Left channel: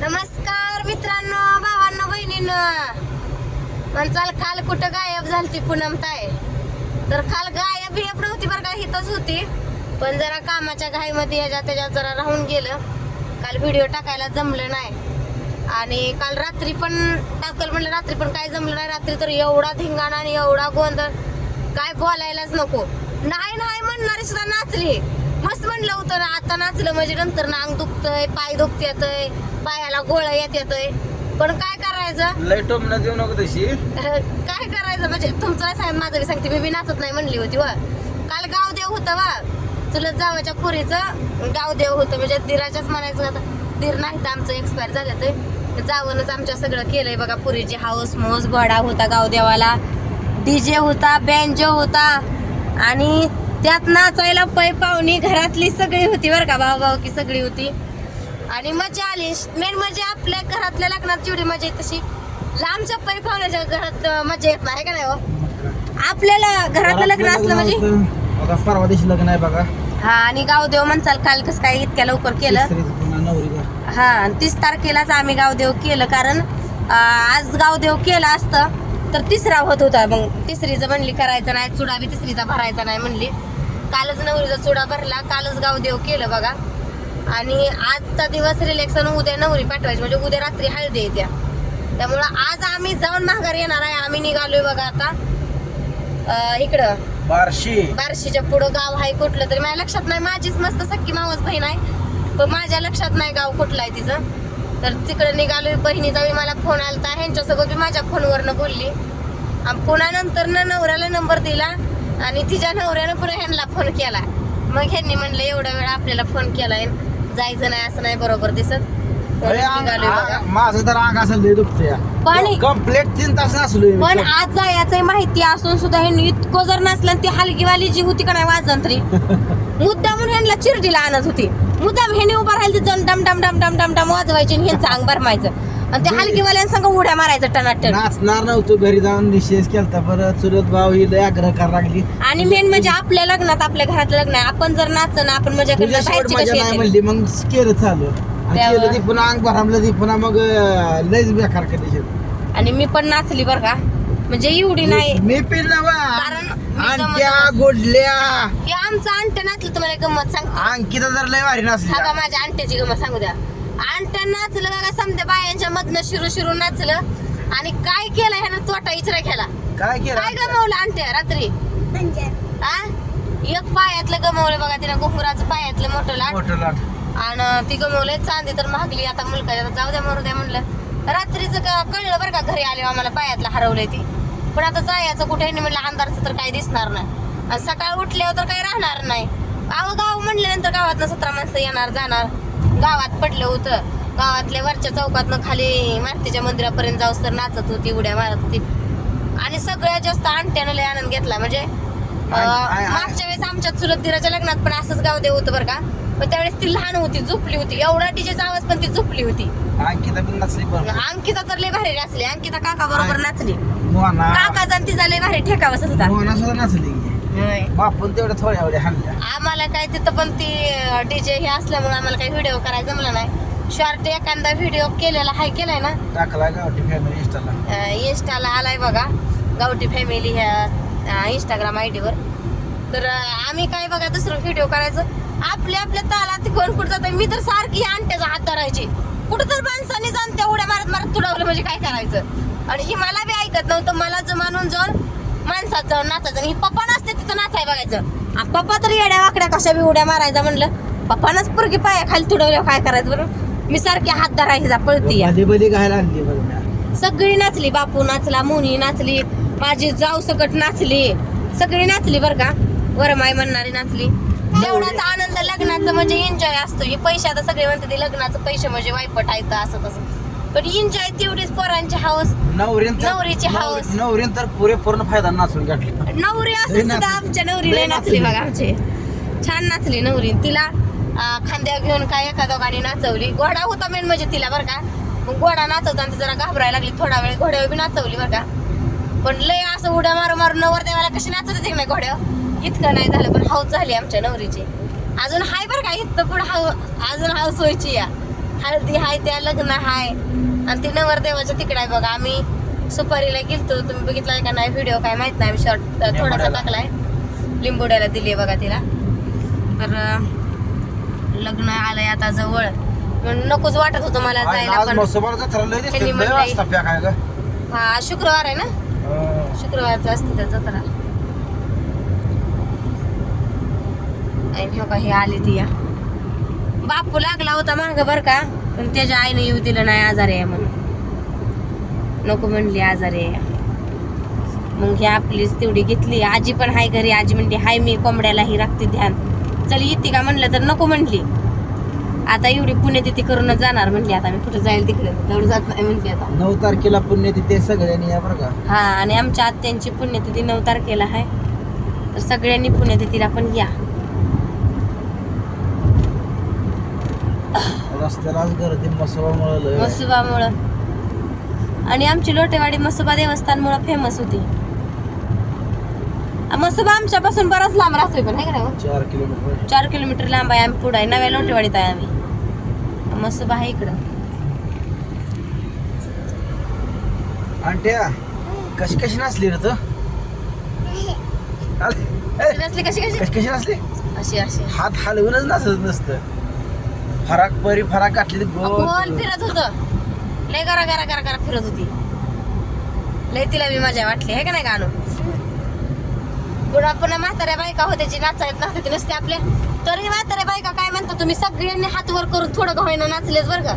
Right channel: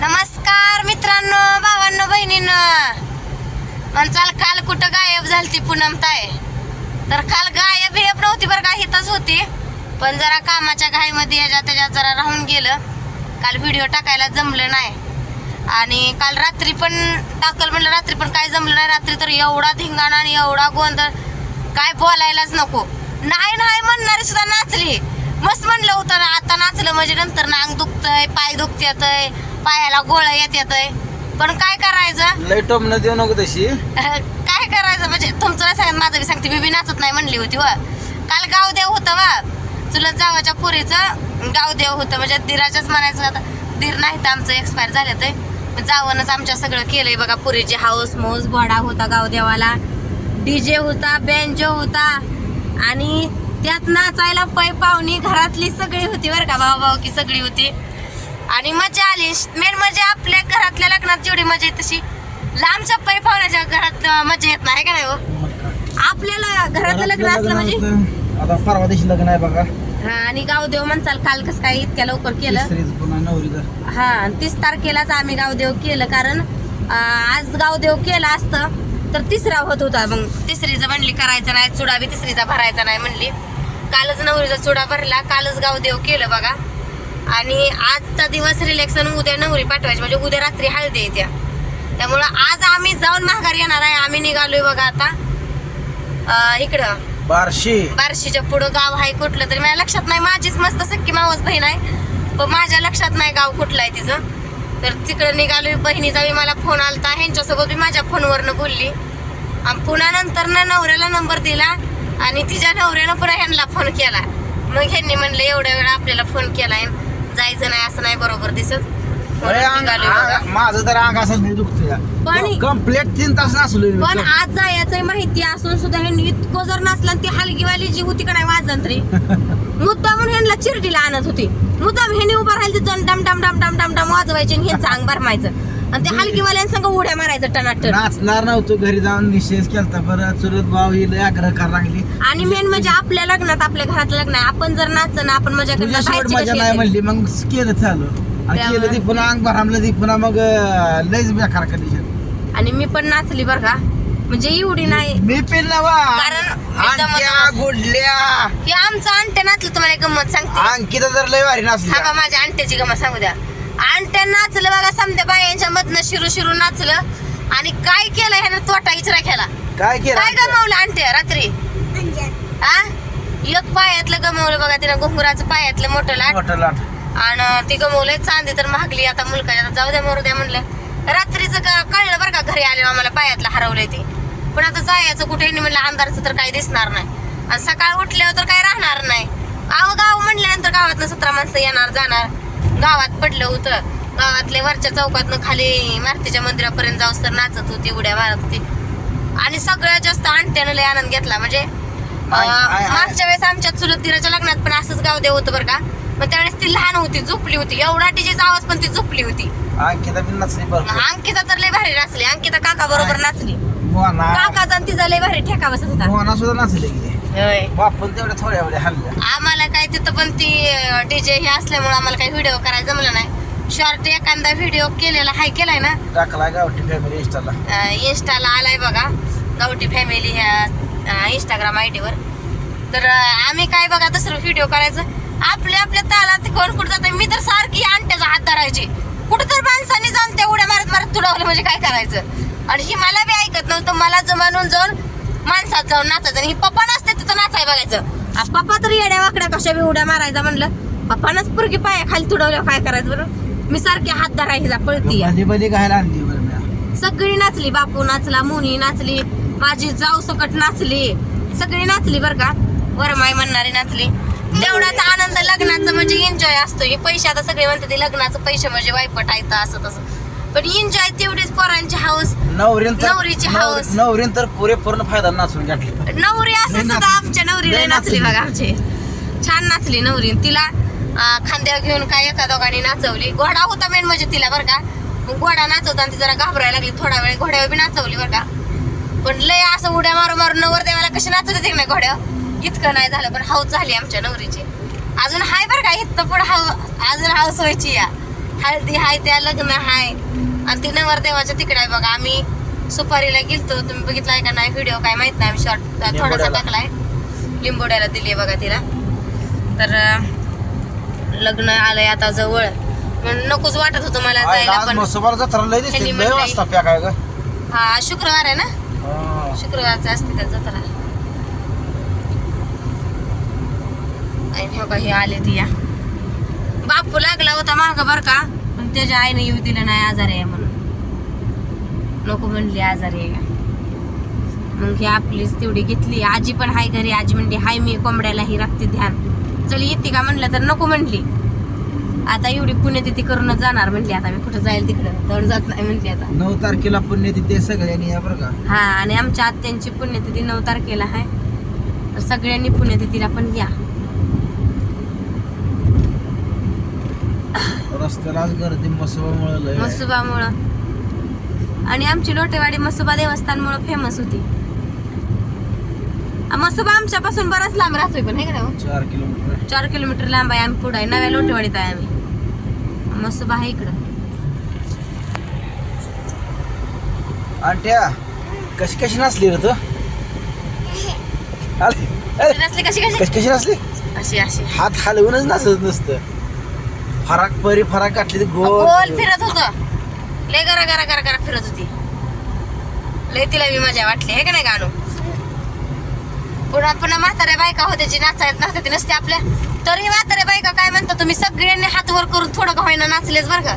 नमस्कार मित्रांनो, भावांनो, बहिणींनो. म्हणचाल काल कुठं गायब झालती पूनमताई? तर काल गायब नव्हती बरं का, हितच होती, पण जरा कामाच्या घाईमध्ये ह्याच्यात त्याच्यात जरा राहून गेलं. काल व्हिडिओ टाकायला जमलं नाही आणि काल रात्री पण टाकल म्हणलं, रात्री पण काय जमलं नाही. रात्री तर एवढा धिंगाणा आणि एवढा गोंधळ, काय बोलायलाच नको. नाही नाही म्हणणारी सुद्धा नाचली. मस्त म्हणलं होतं ना, आता नाचलं म्हणजे नंतर ना अंग दुखतंय, पाय दुखत्यातय, पायाला गोळा येत्यातय. पण काय करायचं, लय टोमणं देऊ नको तशी. काय करायचं म्हणजे तुमचं सांग, माझं बी सांगते. मी बी नाचत नाही म्हणली होती व काल गावदेव होतं वा, चुलत जावाच्या पुरीचं गावदेव होतं. म्हणजे दिराच्याच म्हणायचं. आता दीर नाही तर आमचं एक्सपायर झालं तर जावनच आमच्या सगळं केलंय बघा. पुरीची हाऊस मौस, घोडा होता गावदेवाला, डीजे होता, बँजो होता आणि त्यात नाचायला पै पाहुणी घरातली सगळी होती बरं का, भाऊ की सगळी होती आणि मजा आली. मेन म्हणजे आपल्या घरातल्या लग्नात जेवढी मजा येते तशी लांबच्या पै पाहुण्याच्या घरात मजा येत नाही का नाही हो. आपल्याला घरातलं लग्न असलं म्हणजे आता परवा दिवशी लग्न आहे बघा. हा, आणि गावदेव म्हणचाल काल कसं काय इतक्या लवकर केलं. हा, 30 तारखेलाच आम्ही गावदेव केलं, कारण आज गावदेव केलं असतं तर तिसरा होत होता. मग तिसरीचं म्हणली करायचं नाही, चुडा बी तिसरीचा भरायचा नाही म्हणली. कालच नवरीचा चुडा भरला, कालच गावदेव केलं बघा. आणि आजचा दिवस रिलेक्शन, उद्या नवरी पाठवायची म्हणजे उद्या रात्री हळदी येत्या. त्यामुळं आज आम्ही जाऊन माघारी येणार आहे. आम्ही निघालोय बघा आता इकडं बार्शीच्या पुढं गाव आहे कुठलं तरी, माझ्या लक्षात नाही. माझीच मस्त सख्खी मावस बहीण आहे, पण माझ्या लक्षात नाही गाव कुठलं आहे तिचं. तर तिकडं निघालोय. बहिणीचा बी मला फोन आलता, ह्यांच्यासोबत बी माझ्या फोनवरनं बोलली आणि पुन्हा नंतर नवऱ्याला नंबर दिला आणि तिच्या नवऱ्यानं पुन्हा ह्यांना फोन केला. मग ह्यांनी म्हणलं एवढ्या वेळा आपल्याला फोन केलाय, जायचं नाही असं नाही बरोबर दिसत. माझं तर अंग असं दुखतंय, पण कंप्लीट 3 तास नसलोय. पण आज जायचंय माहिती असून सुद्धा ह्यांनी इतकं जर नसलं, ती हलकीवाली जी होती का नाही वाजंत्री, मुद्दामून ह्यांना चिरडीला आणत होती. मुद्दाम ह्यांनी उभा राहिली डम डम डम डम डम डम वाजवायची आणि ह्यांचं अंग भरमायचं आणि त्या हलकीवाल्यांसंग उड्या मारायचं टनाटन. नाचणार नव्हतो, घरी जाऊन निश्चय केलता. परत चुलत भाऊ ही लय आग्रह करायला लागली. आणि मेन म्हणजे आपल्या लग्नात, आपल्या घरातलं लग्न, आपण जर नाचणं आपण मजा तुझ्या शेवट मजा नाही म्हणली, मग केलं चालू आणि केलं ती पुन्हा अंग भरामलं ती पुन्हा, मग लयच बेकार कंडिशन. आणि मी पण नाचली बरं का, म्हणजे एवढी नाही. मी पेलला वा, आणट्या गोडल्या हे आमचं आणट्या नाचलं. तुम्हाला एक गंमत सांगते. अंकिता तर लय भारी नाचली. हा, माझ्या आणट्याची गंमत सांगू द्या. आणट्या नाचलं बघा, समध्या बायांच्या मधनं शिरू नाचलं आणि काय केलं ह्यानं, तोटा इचरा केला. काय केलं, काय गमावलं आणट्या रात्री? हा, एक पायातलं गमावलं बघा तिनं, घुंगराचं पायातलं मोठं लाट आणि ती गमवलंय. चांदी तर महागली आता मुलकाच्या, जाऊ द्या मरू द्या म्हणलं. रात्रीचं कळलं बरं का, घरी आले आम्हाला पायातलं हरवलंय ती. पण आता जायचं कुठे म्हणलं, अंधारचं तर काही दिसणार नाही आणि सकाळ उठल्यावर तर काही राहणार नाही. गाव म्हणल्यानंतर गावातनं 17 माणसं येणार जाणार. गावात पडलं होतं, गावातले वरच्या चौकातनं खाली मारुतीच्या मंदिरापर्यंत जाऊस तर नाचत होती, उड्या मारत होती आणि सगळ्यात जास्त आणट्यानं लय आनंद घेतला. म्हणजे मागच्या वेळेस आमच्या चुलत दिराच्या लग्नात पण असंच गावदेव होतं बरं का, पण त्यावेळेस ती लहान होती, झोपली होती. एवढा डीजेचा आवाज पण ती झोपली होती. अंकिता पण नाचली बरं. अंकिता तर लय भारी नाचली. अंकिता काका बरोबर नाचली. काकाचा तिचा लय भारी ठेका बसत होता. मोना सुद्धा नाचली बापून तेवढ्या थोड्या वेळा हल्ल्या. आम्हाला काय तिथं पण ती डीजे हे असल्यामुळे आम्हाला काही व्हिडिओ करायला जमलं नाही. शॉर्ट एखादा व्हिडिओ केलेला हाय, केलाय ना, टाकलाय गावठी फॅमिली इंस्टाला आलाय बघा, गावठी फॅमिली ह्या इंस्टाग्राम ID वर. तर आम्ही काय बघा दुसरं व्हिडिओ करायचं आपल्या तालात. कोण कुठं जात, मी तर सारखी आणट्याचा हात धरायची. कुठं तर माणसाने जाऊन त्या उड्या मारत तुडवलं म्हणजे काय करायचं. आणि ही मला बी ऐकत नव्हतं. मला जमानून जाऊन माणसात जाऊन नाचायचं आणि ही पप्पा नसते तिथं नाचाय बघायचं. पप्पा तर येड्या वाकड्या कशा बी उड्या मारायचा म्हणलं. पप्पानच पुरगी पाया खाली तुडवल्या, काय करायचं बरं. मी सारखी हात धरायचा पळती. सगळी नाचली. बापू नाचला, मोनी नाचली, माझी जाऊ सकट नाचली, सगळी नाचली बरं का. वरमाई म्हणणारी नाचली. तेवढाच आनंद लग्नाचं म्हणजे एन्जॉय असतो. हे पैसे आता सगळे म्हणते ते लग्नाचं पैसे म्हणजे वायपट आहे असं तसं, पण एन्जॉय तेवढीच. पोरांची हाऊस, नवरीची हाऊस. नवरीन तर पूर्ण फायदा नाचून गाठली. नवरी असं सुद्धा आमच्या नवरीला नाचली बघा. आमचे छान नाचली नवरी. तिला खांद्यावर घेऊन काय एका दोघांनी नाचवली. घोडा होता मेन म्हणजे तिला बरं का. मग घोडा नाचवताना ती जरा घाबरायला लागली. थोडा वेळ घोड्यावर बी नाचवली बरं का. पण लय असं उड्या मारून नवरदेवाला कशी नाचत होते नाही घोड्यावर, इतकं नाही झालं. पण हाऊस झाली आमच्या नवरीची. अजून हाय बरं का, इथं पण अजून हाऊस व्हायची या. हळदी हाय त्या लग्न हाय आणि ती नवरदेवाच्या तिकडे आहे बघा. आम्ही सुपारीला गेलतो, तुम्ही बघितलाय का नाही व्हिडिओ काय माहित नाही, आम्ही शॉर्ट थोडासा टाकलाय. लिंबोड्याला दिली बघा तिला. तर लग्न आलंय आता जवळ म्हणून नकोच वाटत होतं मला जायला, पण त्यांनी म्हणलं हा शुक्रवार आहे ना, शुक्रवारचं असते त्या जत्रा. हे आले ती या बापू लागला होता माग बर का, पण त्याच्या आईने येऊ दिलं नाही, आजारी आहे म्हणून नको म्हणली, आजारी आहे. मग ही आपलीच तेवढी घेतली. आजी पण हाय घरी, आजी म्हणली हाय मी कोंबड्यालाही राखते ध्यान, चल येते का म्हणलं तर नको म्हणली. आता एवढी पुण्यतिथी करूनच जाणार म्हणली, आता मी कुठे जाईल तिकडे तेवढं जात नाही म्हणली. आता 9 तारखेला पुण्यतिथी सगळ्यांनी या बरं का. हा, आणि आमच्या आत्यांची पुण्यतिथी 9 तारखेला आहे, तर सगळ्यांनी पुण्यतिथीला पण या. रस्त्याला आज गर्दी मसुबामुळं, आणि आमची लोटेवाडी मसुबा देवस्थानमुळं फेमस होती. मसुबा आमच्यापासून बराच लांब राहतोय, पण आहे का नाही 4 किलोमीटर लांब आहे. आम्ही पुढे आहे, नव्या लोटेवाडीत आहे आम्ही. मसुबा आहे इकडं. आंट्या कशी कशी नसली रे तू, नसली कशी कशी कशी नसली, अशी अशी हात हलवूनच नसत नसतं. फराक घातली गोल फिरत होत, लय गरा गरा गरा गरा फिरत होती. लय तिला मी मजा वाटली आहे का नाही गाणं. पुन्हा पुन्हा म्हाताऱ्या बायका होत्या जी नाचायत नाचते नसते आपल्या, तरी म्हाताऱ्या बायका काय म्हणता तुम्ही सगळ्यांनी हात वर करून थोडं का होईना नाचलेच बरं का.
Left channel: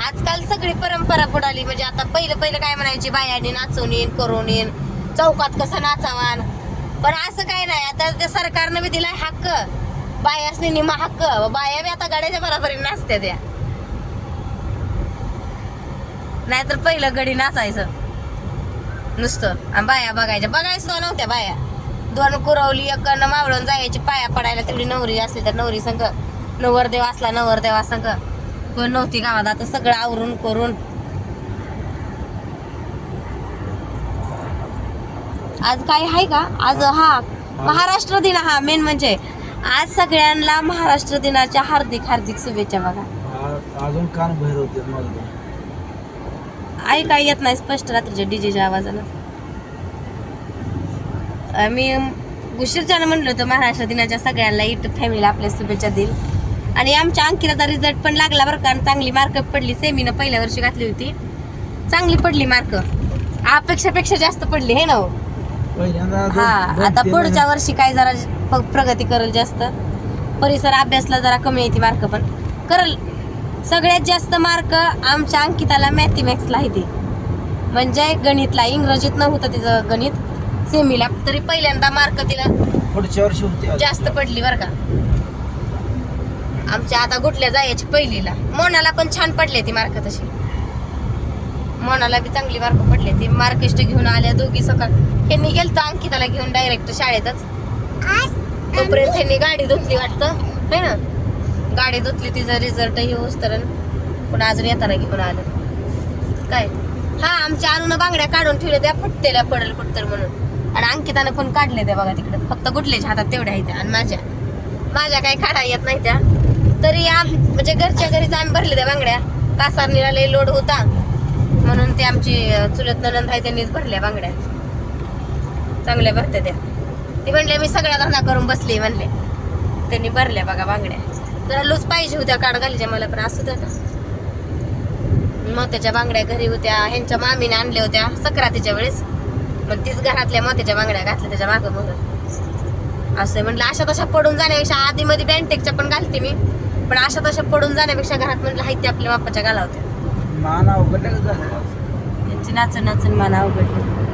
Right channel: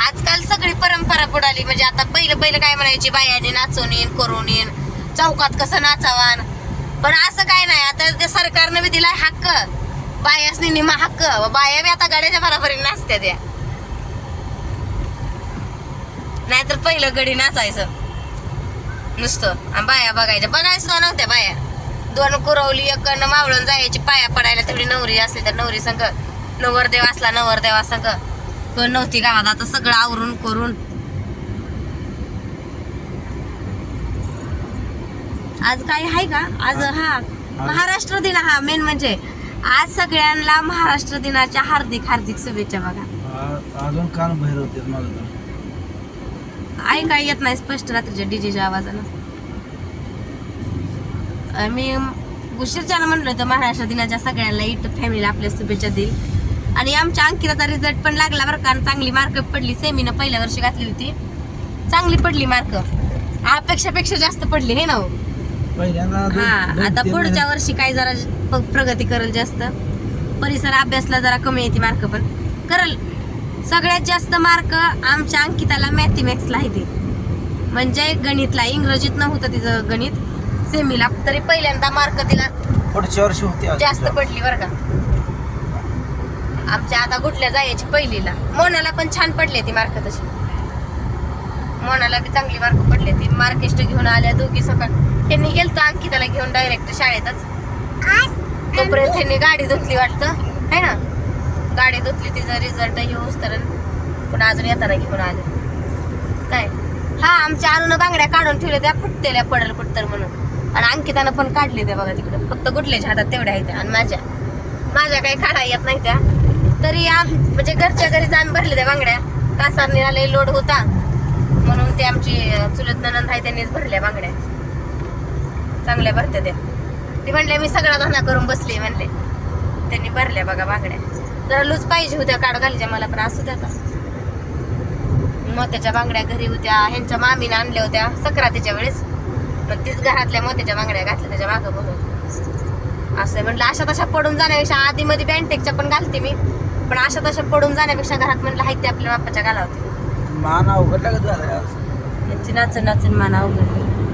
आजकाल सगळी परंपरा बुडाली. म्हणजे आता पहिलं काय म्हणायची, बायांनी नाचून येईन करून येईन, चौकात कसं नाचावान. पण असं काय नाही, आता त्या सरकारनं बी दिलाय हक्क, बायासनी निमा हक्क. बाया बी आता गाड्याच्या बरोबरीने नाचत्या त्या, नाहीतर पहिलं गडी नाचायचं नुसतं आणि बाया बघायचं नव्हत्या बाया. 2 कुरवली 1 मावळून जायची पाया पडायला, तेवढी नवरी असली तर नवरी संग, नवरदेव असला नवरदेवा संग. कोण नव्हती गावात, आता सगळं आवरून करून. आज काय आहे का आज, हा महाराष्ट्र दिन. हा मेन म्हणजे आज सगळ्यांना महाराष्ट्र दिनाच्या हार्दिक हार्दिक शुभेच्छा. बघा अजून कान बाहेर होते मला, काय येत नाही स्पष्ट रात्रीच्या डीजेच्या आवाजानं. मी उशीरच्यानं म्हणलं होतं महाराष्ट्र दिनाच्या सगळ्यांना युट्यूब फॅमिलीला आपल्या शुभेच्छा देईल. आणि आमच्या अंकिताचा रिझल्ट पण लागला बरं का, चांगली मार्क पडली. सेमीनं पहिल्या वर्षी घातली होती, चांगली पडली मार्क, अपेक्षापेक्षा जास्त पडली हे ना. हा, आता पुढच्या वर्षी काय जरा प्रगती करेल, जास्त परिसर अभ्यासला जरा कमी येते मार्क, पण करल. सगळ्यात जास्त मार्क आमच्या अंकिताला मॅथमॅटिक्सला आहे ते, म्हणजे गणितला. इंग्रजीत नव्हतं तिचं गणित सेमीला, तरी पहिल्यांदा मार्क तिला पुढच्या वर्षी होती जास्त पडली बरं का. आमच्या आता गुटल्या जायची पहिलीला. मोनाला पण छान पडले ती मार्क, तशी मोनाला बी चांगली मार्क पडले. ती मार्किस्ट घेऊन आल्या दोघी सकाळ. त्यांनी गेलतो अंकिताला घेऊन डायरेक्ट शाळेतच, तोपर्यंत त्यांनी गाडी धुतली वाटतं है ना, गाडी धुतली, तिचा रिझल्ट येऊस तर पण अजून येताना घेऊन आलं काय. हा, आमच्या आणून बांगड्या काढून ठेवल्या त्या फुटतेल्या पडल कुठतर म्हणून, आणि अंकितानं पण काढले त्या बघा तिकडं. फक्त गुटल्याच्या हातात तेवढ्या आहेत, आणि माझ्या काही काढा येत नाही त्या. तरी म्हणजे घरच्या घरीच आम्ही भरले त्या बांगड्या. कासारणीला लय लोड होता म्हणून ते आमची चुलत ननंद आहे त्यांनीच भरल्या बांगड्या. चांगल्या भरत्या त्या. ते म्हणले मी सगळा धंदा करून बसले म्हणले, त्यांनी भरल्या बघा बांगड्या. जरा लूज पाहिजे होत्या काढ घालच्या मला, पण असू द्या. मोत्याच्या बांगड्या घरी होत्या, ह्यांच्या मामीने आणल्या होत्या सक्रातीच्या वेळेस, पण तीच घरातल्या मोत्याच्या बांगड्या घातल्या त्याच्या मागं बघून. असं म्हणलं अशा तशा पडून जाण्यापेक्षा, आधी मध्ये बँटेकच्या पण घालते मी, पण अशा तशा पडून जाण्यापेक्षा घरात म्हणलं हाय ते आपल्या बाप्पाच्या घालावते. मान अवघड त्यांची नाचून नाचून मान अवघडली.